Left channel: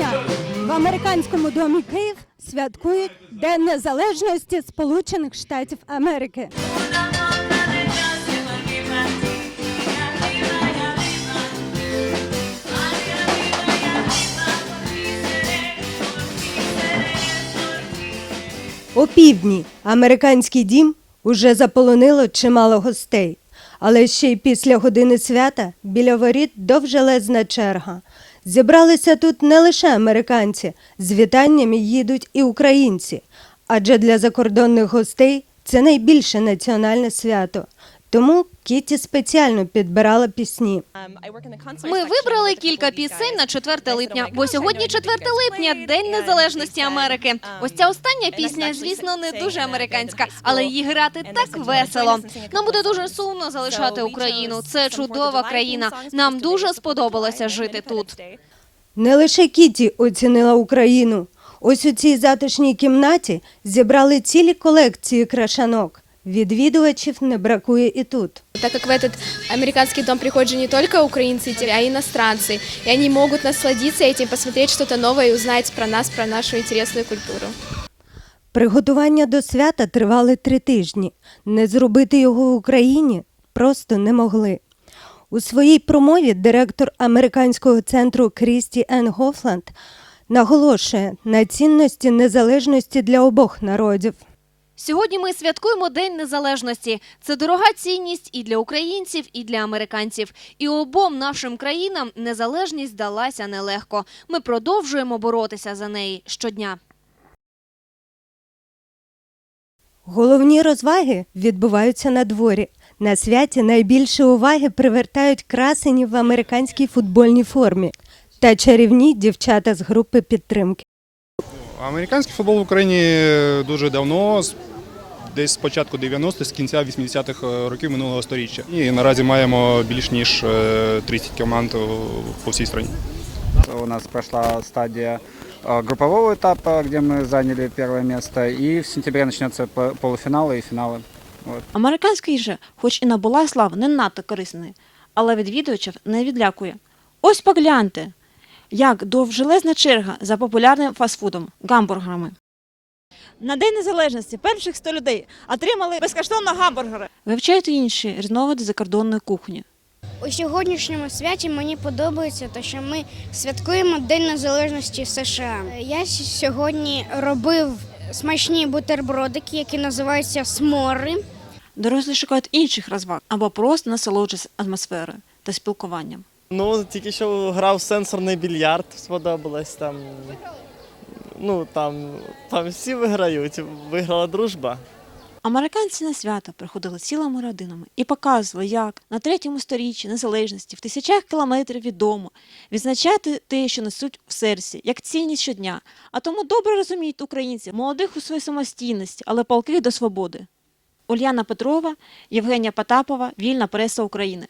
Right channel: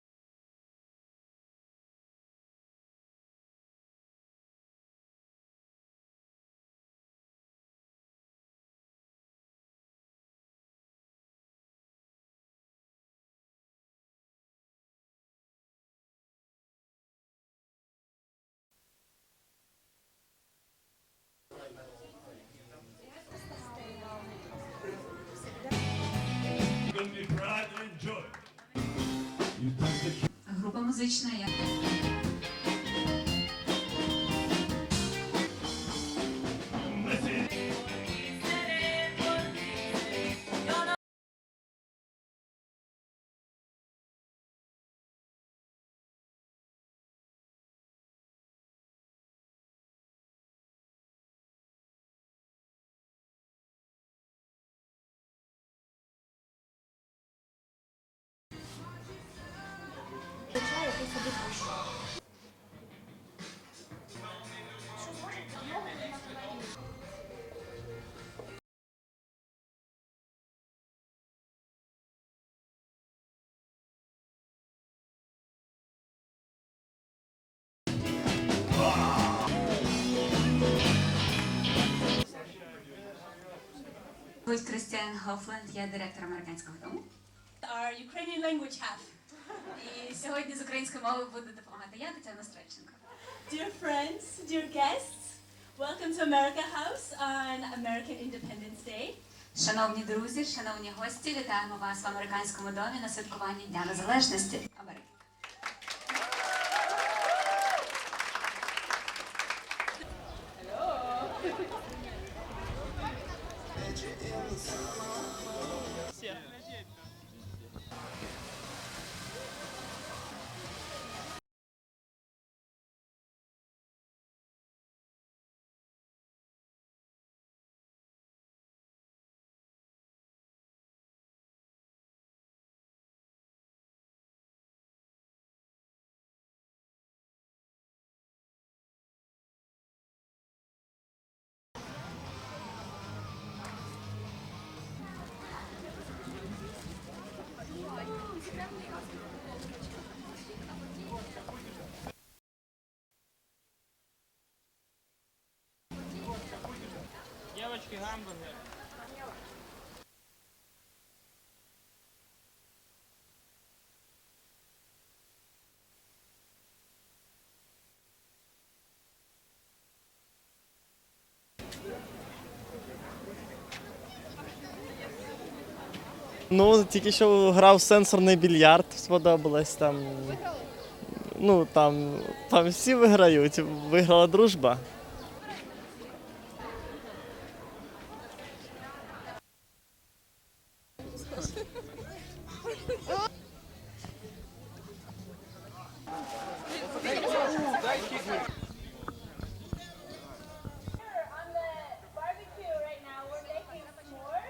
грудня в американському домі Київ святкують День Незалежності Сполучених Штатів Америки. О півдні американський дім уже заполонило чимало гостей. Але ще й після години свята біля воріт довжелезна черга. Зібралися тут не лише американці, з вітаннями їдуть і українці. Адже для закордонних гостей це найбільше національне свято. Тому Кіті спеціально підбирала пісні. Ми вибрали кілька пісень на 4 липня, бо сьогодні 4 липня, День Незалежності Америки. Ось ця остання пісня, звісно, не дуже американська, але її грати так весело. Нам буде дуже сумно залишати Україну. Це чудова країна. Нам дуже сподобалося жити тут. Не лише Кіті оцінила Україну. Ось у цій затишній кімнаті зібрали цілі колекції крашанок. Відвідувачів не бракує і тут. Так как в этот американский дом приходят же не только украинцы, а и иностранцы, и они могут насладиться этим, посмотреть что-то новое и узнать про нас, про нашу интересную культуру. Приготування до свята тривали три тижні. Не зробити його в Україні просто не могли. У своїй промові директор американського центру Крісті Ен Гофланд наголошує на цінності незалежності для обох народів. Сьогодні ми святкуємо День Незалежності. Це дорога цінність і для українців, і для американців. І обом нашим країнам незалежність далася нелегко. Ми продовжуємо боротися за неї щодня. Головні розваги відбуваються на дворі. На святі найбільше уваги привертають красені в американській футбольній формі та чарівні дівчата з групи підтримки. Американський футбол в Україні дуже давно, з- десь з початку 90-х, з кінця 80-х років минулого століття. І наразі маємо більш ніж е, 30 команд о, по всій країні. У нас прошла стадия э, группового этапа, где мы заняли первое место, и в сентябре начнется п- полуфиналы и финалы. Вот. Американська їжа, хоч і набула слави, не надто корисної, але відвідувачів не відлякує. Ось погляньте, як довжелезна черга за популярним фастфудом гамбургерами. На День Незалежності перших 100 людей отримали безкоштовно гамбургери. Вивчайте інші різновиди закордонної кухні. У сьогоднішньому святі мені подобається те, що ми святкуємо День Незалежності США. Я сьогодні робив смачні бутербродики, які називаються смори. Дорослі шукають інших розваг або просто насолоджуються атмосферою та спілкуванням. Американці на свято приходили цілими родинами і показували, як на третьому сторіччі незалежності в тисячах кілометрів від дому відзначати те, що несуть в серці, як цінність щодня. А тому добре розуміють українці, молодих у своїй самостійності, але палких до свободи. Ульяна Петрова, Євгенія Потапова, Вільна преса України.